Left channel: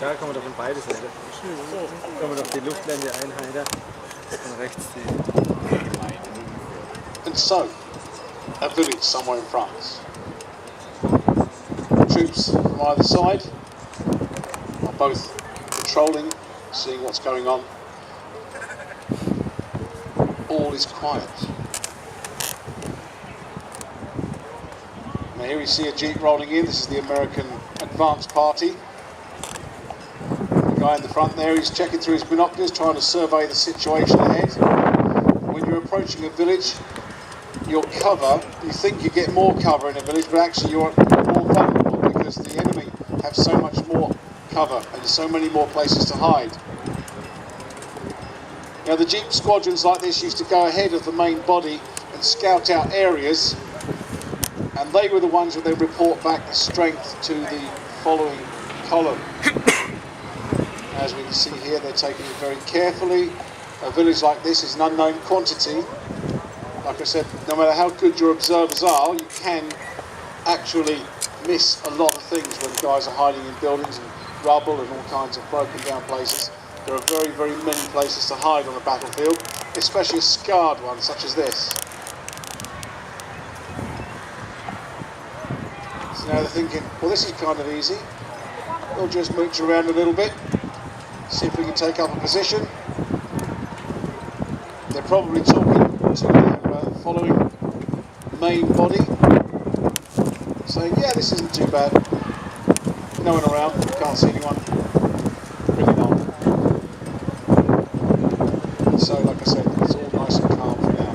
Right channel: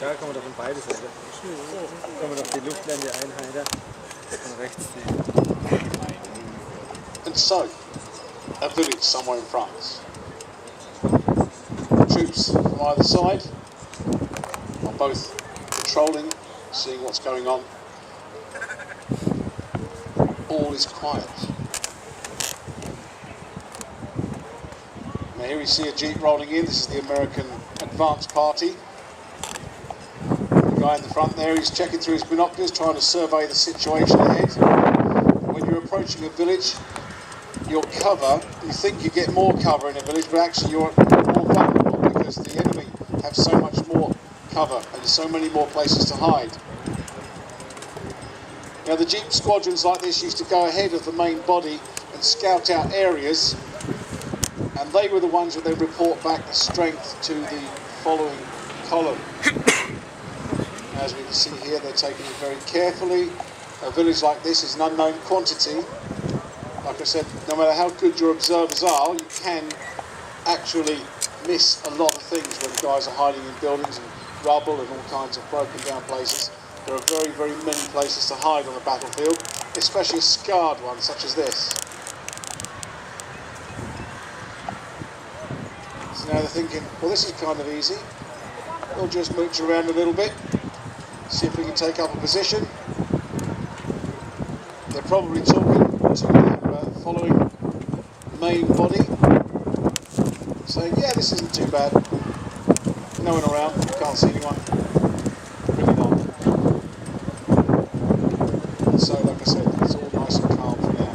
Da kann man doch von beide Seiten. Kann man doch die Luftblende einheiten und rechts die. And so, a village somewhere in France. Troops from either side are both patrolling, seeing what's going on. All is quiet. Now here we see a jeep rolling in. This is the American advance party. The guy in the front there, he's checking through his binoculars, trying to survey the situation ahead. When you're approaching a village, your cover, you think you get more cover in a village, but actually you're more vulnerable because the enemy have so much more cover and so many more places to hide. Now the jeep squadrons like this used to go ahead of the main body and scout out areas, and they were the ones that they report back the strength to the following column. As we can see here, they're taking it very carefully. A village like this is an unknown quantity. Like I said, no matter how good your observers are, you can actually miss a lot of things when guys are hiding in buildings and rubble and all kinds of broken down places. There are very, very many places to hide on a battlefield, especially a scarred one such as this. So now they're thinking, well, this is kind of easy. We'll just mooch around a little bit, see if we can take up a position. They're probably talking to their following main body, saying, yeah, this isn't too bad. No one around, can't see anyone. Bring it on. So, like I said, it's all nice and calm for now.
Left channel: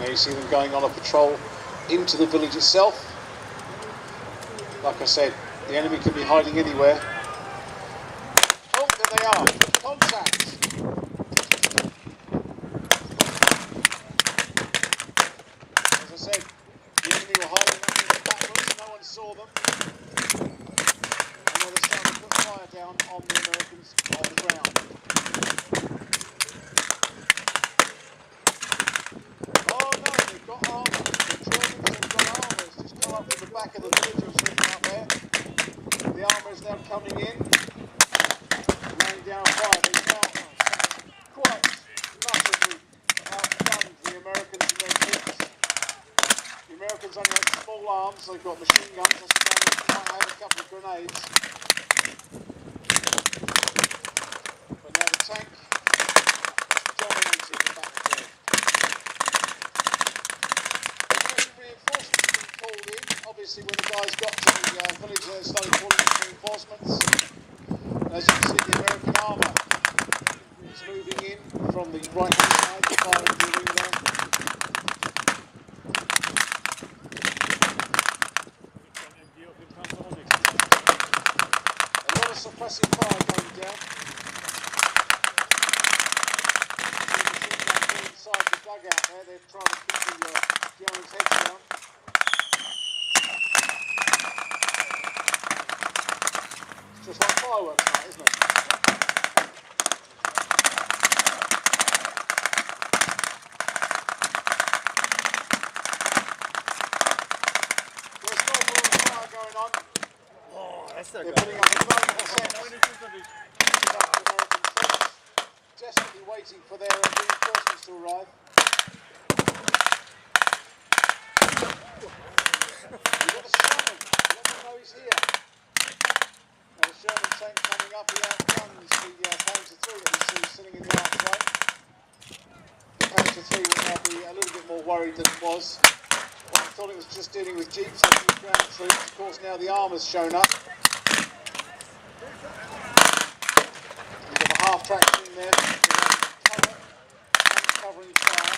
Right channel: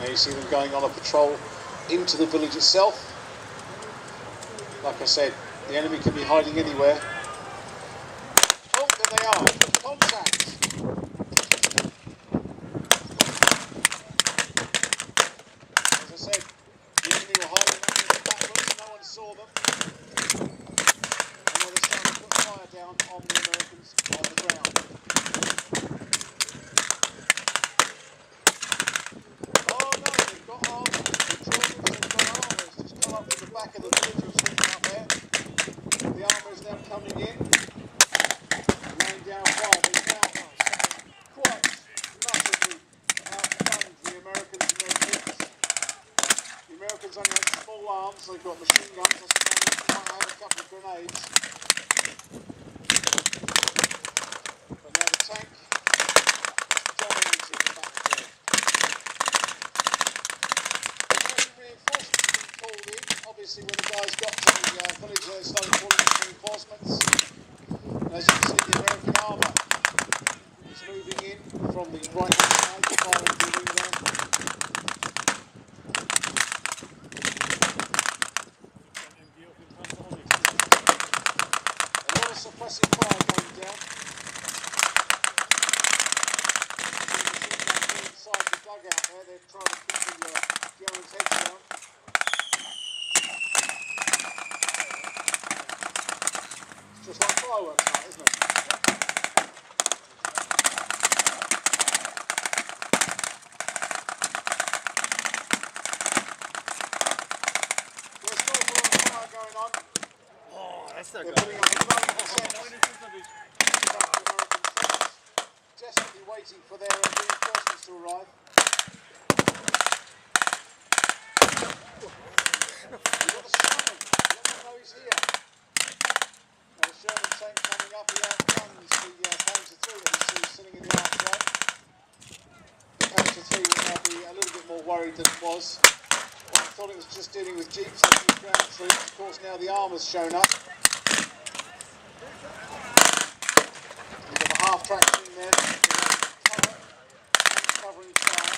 Now you see them going on a patrol into the village itself. Like I said, the enemy can be hiding anywhere. Oh, there they are. Contact. As I said, the enemy were hiding up in the backwards, no one saw them. And now they're starting to put fire down on the Americans on the ground. Oh no, they've got armour. The Germans have got armour. It's just come up in the back of the village and sitting up there. The armour is now coming in, laying down fire. They've now quite massively outgunned the Americans and their troops. The Americans only have small arms, they've got machine guns, I suppose they might have a couple of grenades. But now the tank dominated the battlefield. American reinforcements have been called in. Obviously when the guys got to the village they started calling in reinforcements. And as you can see, the American armour is moving in from the right hand side, the firing building there. A lot of suppressive fire going down. Inside the dugout there, they're trying to keep the Germans' heads down. It's just like fireworks now, isn't it? There's no more fire going on. They're putting up a desperately waiting for their reinforcements to arrive. We've got the Sherman. Let them know he's here. Now the Sherman tank coming up, he outguns the Panzer III that we see sitting in the archway. The Panzer III will now be a little bit more worried than it was. I thought it was just dealing with jeeps and ground troops. Of course now the armour's shown up. We've got the half tracks in there. Cover, covering fire.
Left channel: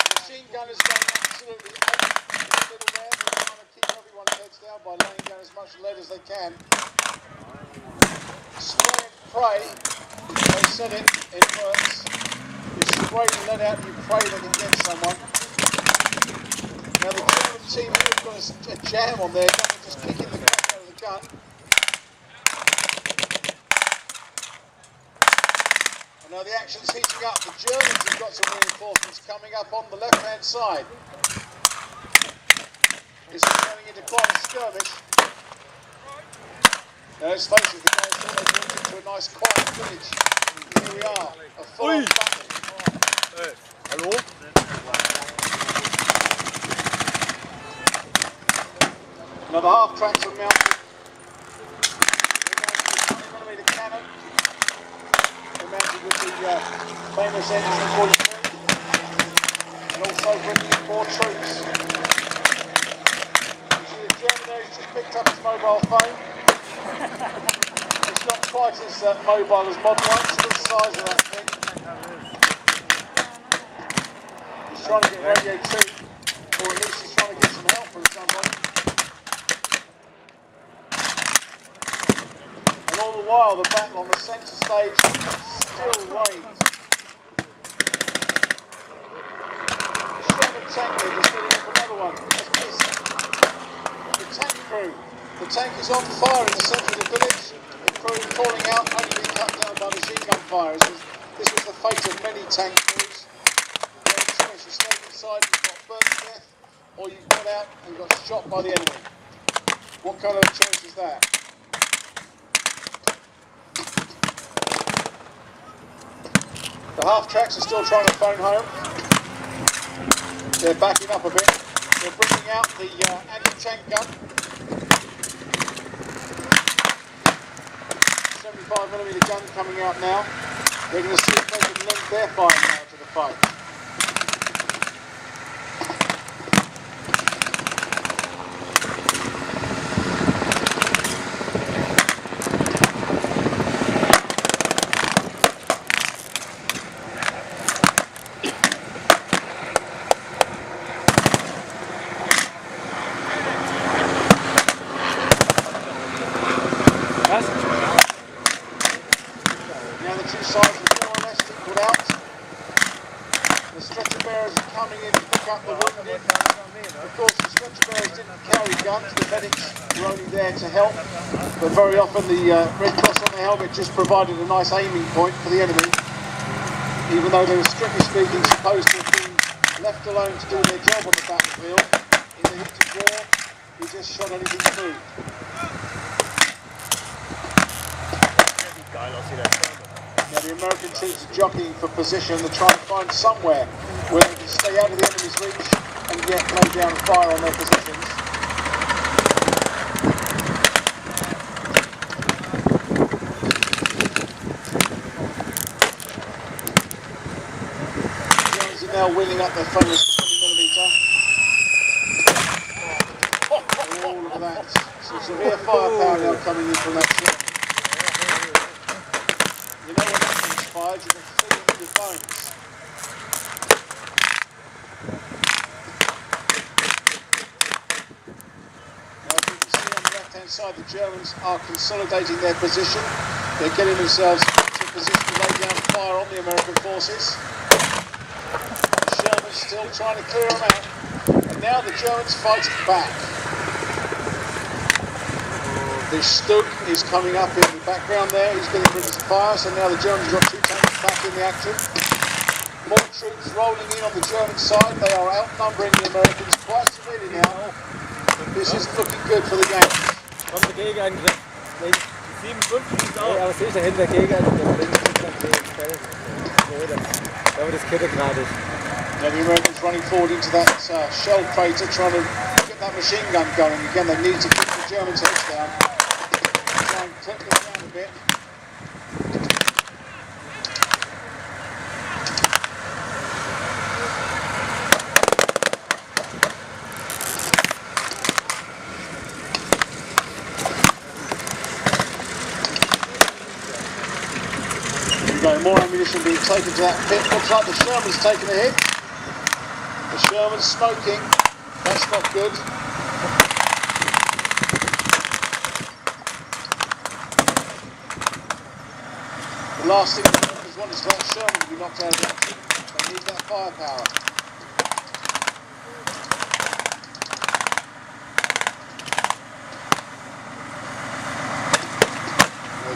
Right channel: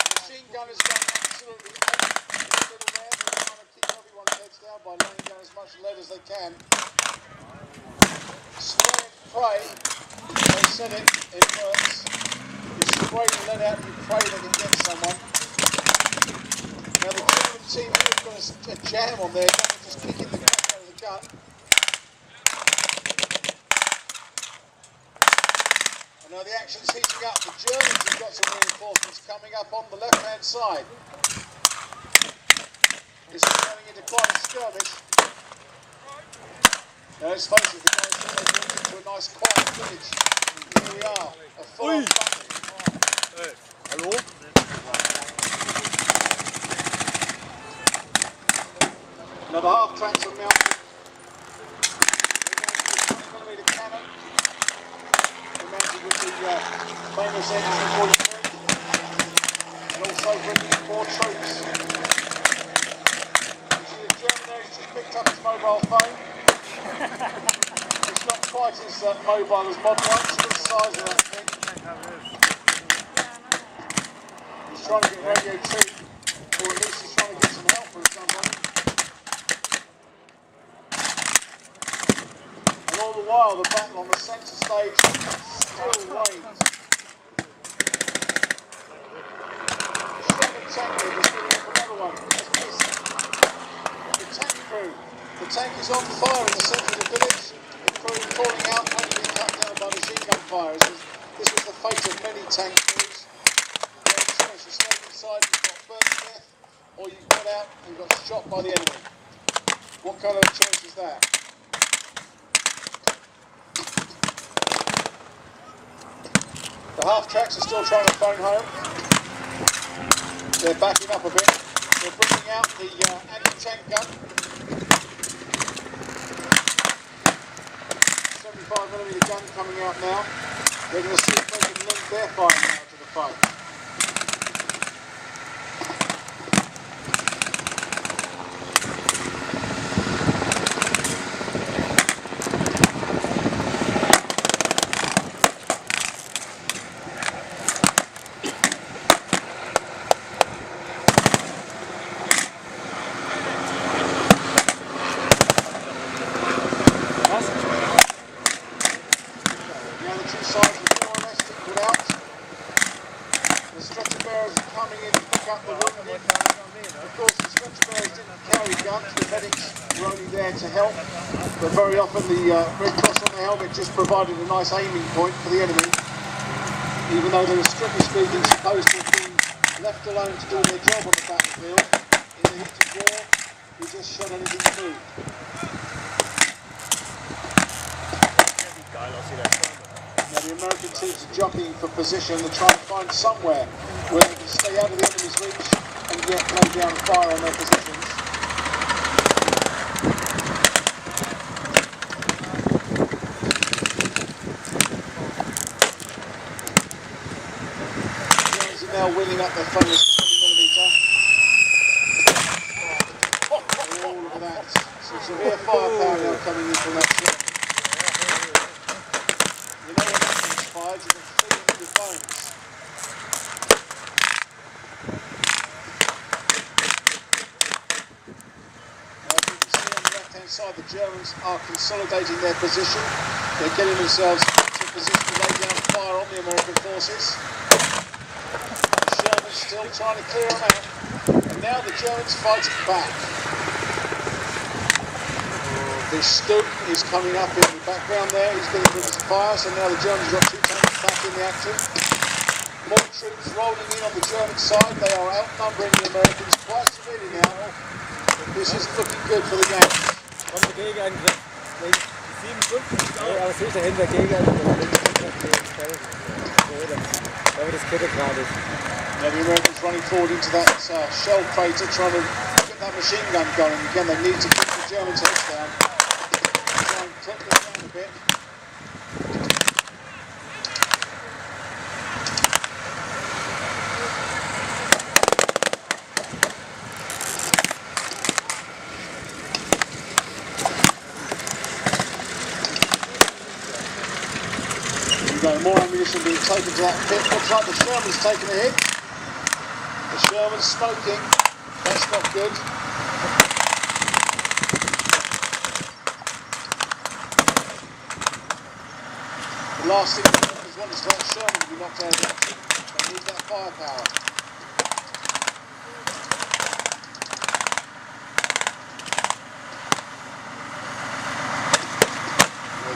The machine gun is going absolutely ape in the middle there. They're trying to keep everyone's heads down by laying down as much lead as they can. Spray and pray. They said it works. You spray the lead out and you pray they can get someone. Now the German team here has got a jam on there, just kicking the crap out of the gun. And now the action's heating up. The Germans have got some reinforcements coming up on the left-hand side. This is turning into quite a skirmish. Now let's face it, the guys thought they walked into a nice quiet village. Here we are, a full-on battle. Hallo? Another half tracks are mounted. They're mounted with 20mm cannon. They're mounted with the famous M43. And also bringing in more troops. You see the German there, he's just picked up his mobile phone. It's not quite as mobile as modern ones, still the size of that thing. He's trying to get radio 2, or at least he's trying to get some help from somebody. And all the while, the battle on the centre stage still wanes. The Sherman tank leader is getting up another one. That's missed. The tank crew. The tank is on fire in the centre of the village. The crew falling out, only being cut down by machine gun fire. This was the fate of many tank crews. You stayed inside, you got burnt to death, or you got out and got shot by the enemy. What kind of choice is that? The half-tracks are still trying to phone home. They're backing up a bit. They're bringing out the anti-tank gun. 75mm gun coming out now. They're going to see if they can lend their fire now to the fight. To help, but very often the Red Cross on the helmet just provided a nice aiming point for the enemy, even though they were strictly speaking supposed to have been left alone to do their job on the battlefield. In the heat of war, we just shot anything through. Now the American troops are jockeying for position. They're trying to find somewhere where they can stay out of the enemy's reach and yet lay down fire on their positions. Now wheeling up their famous 20mm. All of that. Some severe firepower now coming in from that ship. You know when that thing's fired, you can feel it in your bones. Now as you can see on the left hand side, the Germans are consolidating their position. They're getting themselves into a position to lay down fire on the American forces. Still trying to clear them out, and now the Germans fighting back. The Stug is coming up in the background there, he's getting rid of some fire, so now the Germans got two tanks back in the action. More troops rolling in on the German side, they are outnumbering the Americans quite severely now. This isn't looking good for the Yanks. Kommt der Gegenangriff. 57 auch. Ja, aber sehe ich dahinter Gegenangriff. Links im Feld. Da wird das Kette gerade. Now the Americans running forward into that shell crater, trying to get that machine gun going. Again, they need to keep the Germans' heads down. Try and clip them down a bit. There we go, more ammunition being taken to that pit. Looks like the Sherman's taking a hit. The Sherman's smoking, that's not good. The last thing the Americans want is for that Sherman to be knocked out of action. They need that firepower.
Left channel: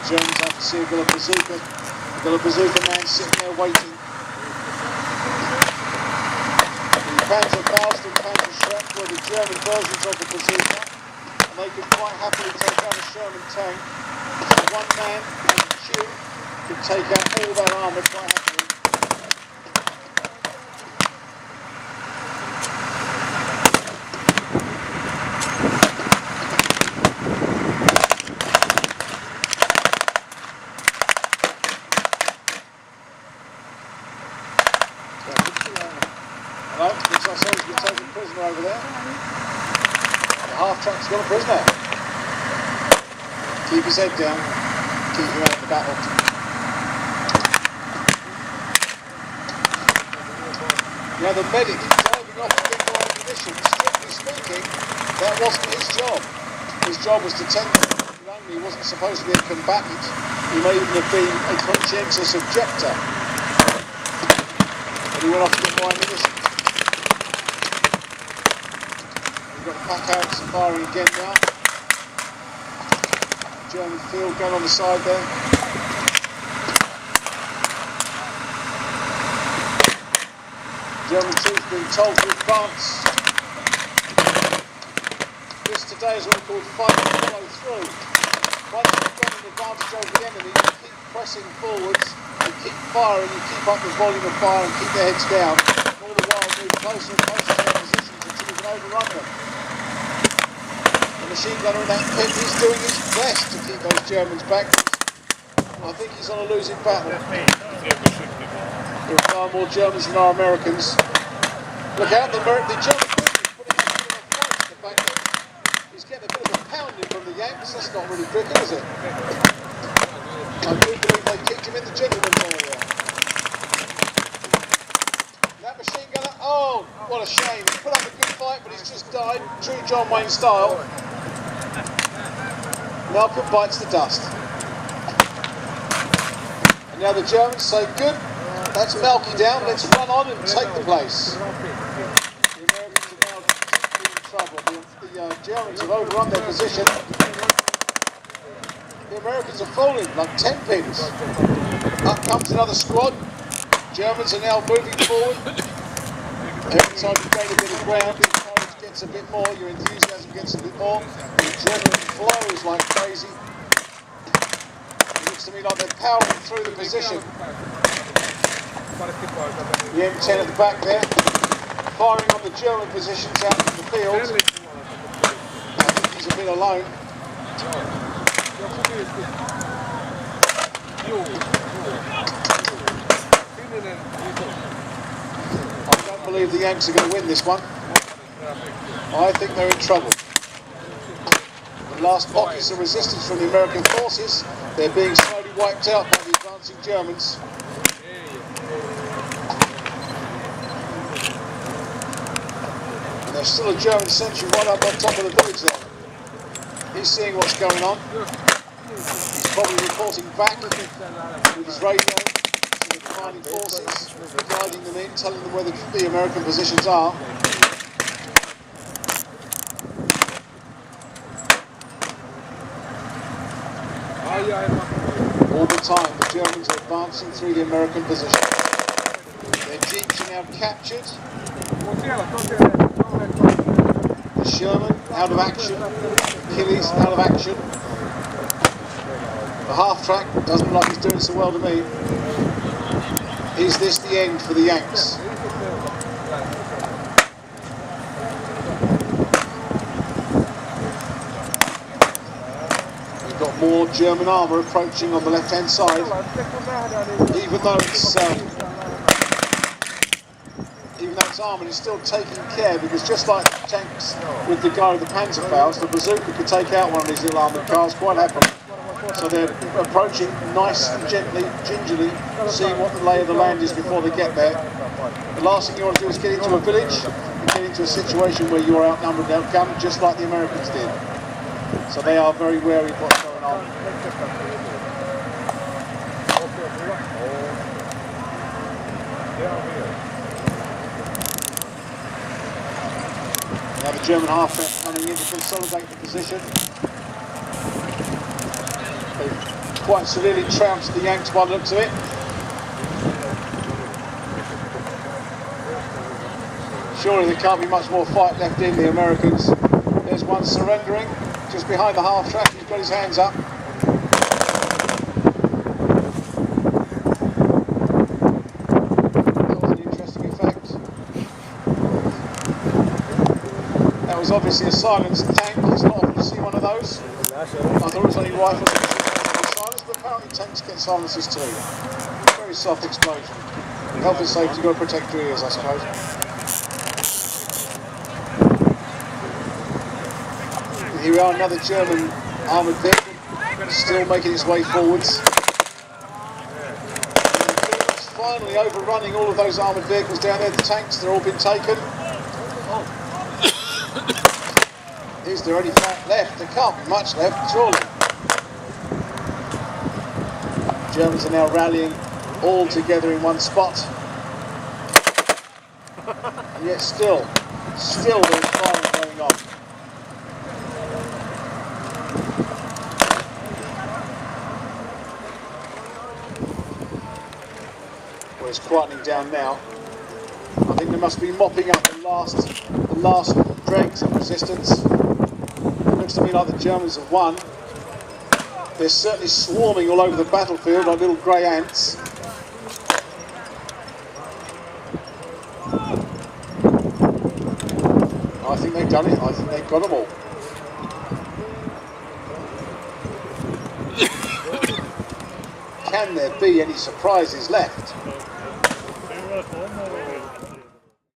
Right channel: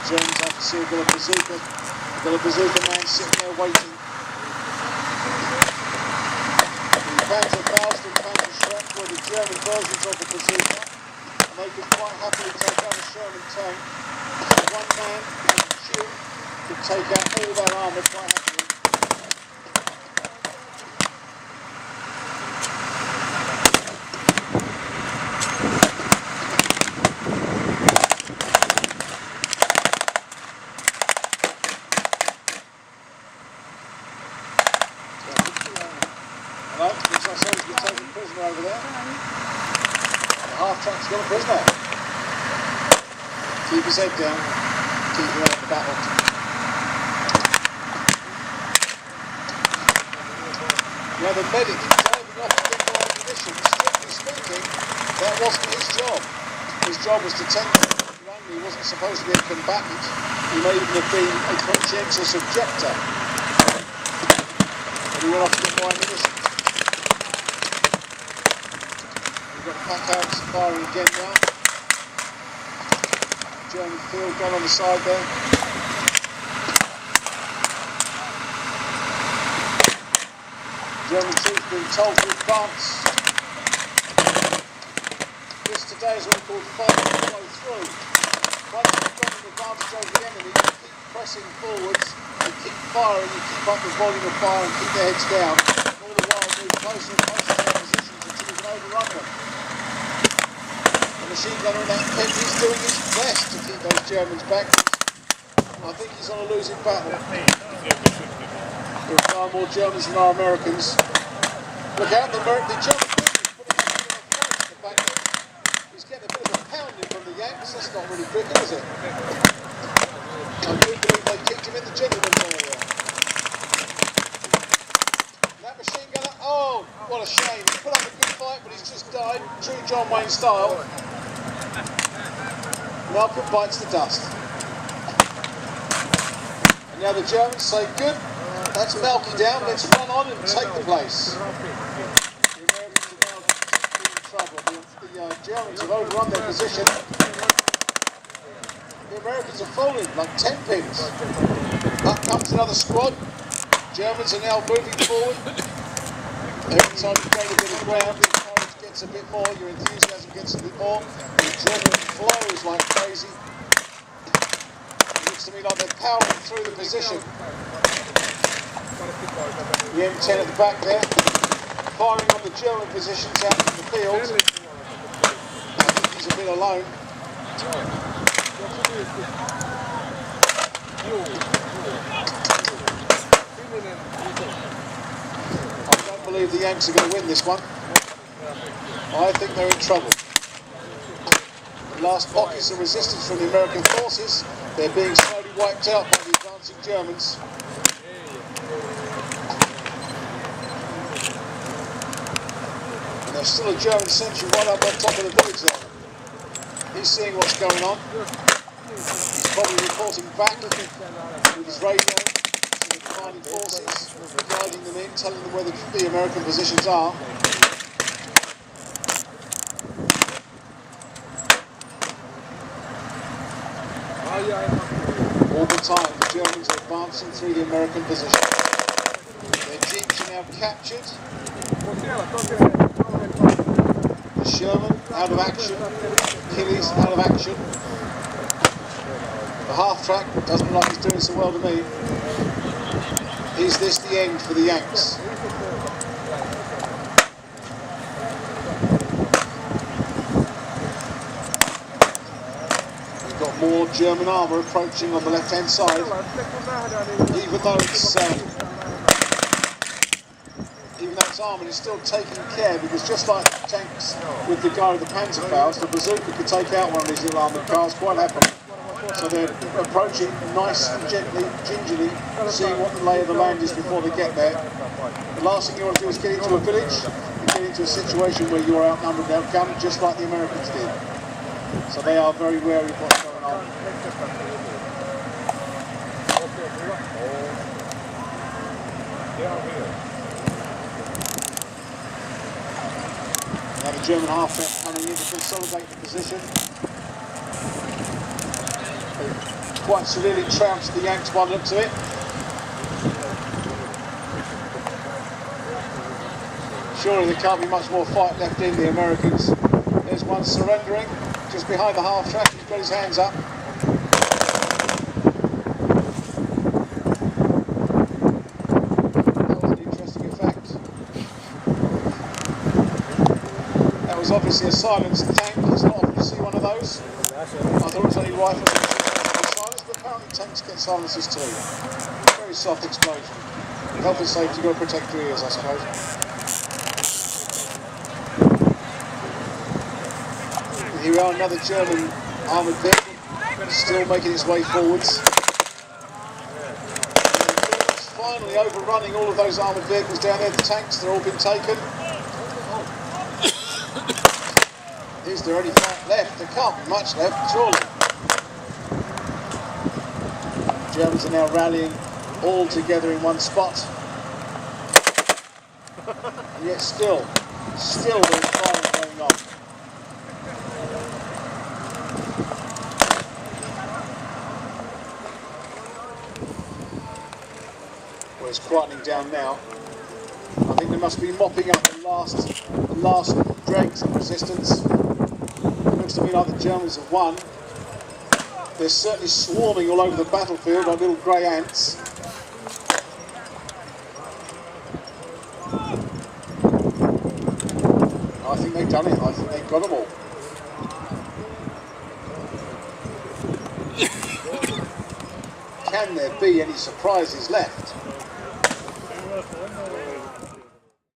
Germans have to see a got a bazooka. We've got a bazooka man sitting there waiting. The Panzerfaust and Panzerschreck were the German versions of the bazooka, and they could quite happily take out a Sherman tank. So one man and a tube could take out all their armour quite happily. Hello, looks like someone's been taken prisoner over there. The half-track's got a prisoner. Keep his head down, keep him out of the battle. Yeah, the medic driving off with the ammunition. Strictly speaking, that wasn't his job. His job was to tend to only. He wasn't supposed to be a combatant. He may even have been a conscientious objector. But he went off to get more ammunition. We've got the pack outs firing again now. German field gun on the side there. German troops being told to advance. This today is what we call fight and follow through. Once you've got an advantage over the enemy, you keep pressing forwards, you keep firing, you keep up the volume of fire and keep their heads down. All the while move closer and closer to their positions until you can overrun them. The machine gunner in that pit is doing his best to keep those Germans back. I think he's on a losing battle. There are far more Germans than are Americans. Look out, the German is putting up a bit of a fight in the back. He's getting a bit of a pounding from the Yanks. That's not really cricket, is it? I do believe they kicked him in the gentleman's area. That machine gunner, oh, what a shame. He put up a good fight, but he's just died, true John Wayne style. Malcolm bites the dust. And now the Germans say, good. That's Malky down, let's run on and take the place. The Americans are now in trouble. The Germans have overrun their position. The Americans are falling like 10 pins. Up comes another squad. Germans are now moving forward. Every time you gain a bit of ground, your courage gets a bit more, your enthusiasm gets a bit more. The adrenaline flows like crazy. It looks to me like they're powering through the position. The M10 at the back there, firing on the German positions out in the field. I think he's a bit alone. I don't believe the Yanks are going to win this one. I think they're in trouble. The last pockets of resistance from the American forces, they're being slowly wiped out by the advancing Germans. There's still a German sentry right up on top of the village there. He's seeing what's going on. He's probably reporting back with his radio to the commanding forces, guiding them in, telling them where the American positions are. All the time, the Germans are advancing through the American position. Their jeeps are now captured. The Sherman out of action, Achilles out of action. The half-track doesn't look like he's doing so well to me. Is this the end for the Yanks? We've got more German armour approaching on the left-hand side, even though it's armoured, it's still taking care, because just like tanks with the guy with the Panzerfaust, the bazooka could take out one of these little armoured cars quite happily. So they're approaching nice and gently, gingerly, seeing what the lay of the land is before they get there. The last thing you want to do is get into a village and get into a situation where you are outnumbered and outgunned, just like the Americans did. So they are very wary of what's going on. Now the German half coming in to consolidate the position. quite severely trounced the Yanks by the looks of it. Surely there can't be much more fight left in the Americans. There's one surrendering just behind the half track. He's got his hands up. That was an interesting effect. That was obviously a silenced tank. It's not often to see one of those. I thought it was only rifles that were silenced, but apparently tanks get silences too. Very soft explosion. Health and safety, you've got to protect your ears, I suppose. And here we are, another German armoured vehicle, still making its way forwards. It's finally overrunning all of those armoured vehicles down there. The tanks, they're all been taken. Is there any fight left? There can't be much left, surely. The Germans are now rallying all together in one spot. And yet still there's firing going on. Well, it's quietening down now. I think they must be mopping up the last dregs of resistance. It looks to me like the Germans have won. They're certainly swarming all over the battlefield like little grey ants. I think they've done it. I think they've got them all. Can there be any surprises left?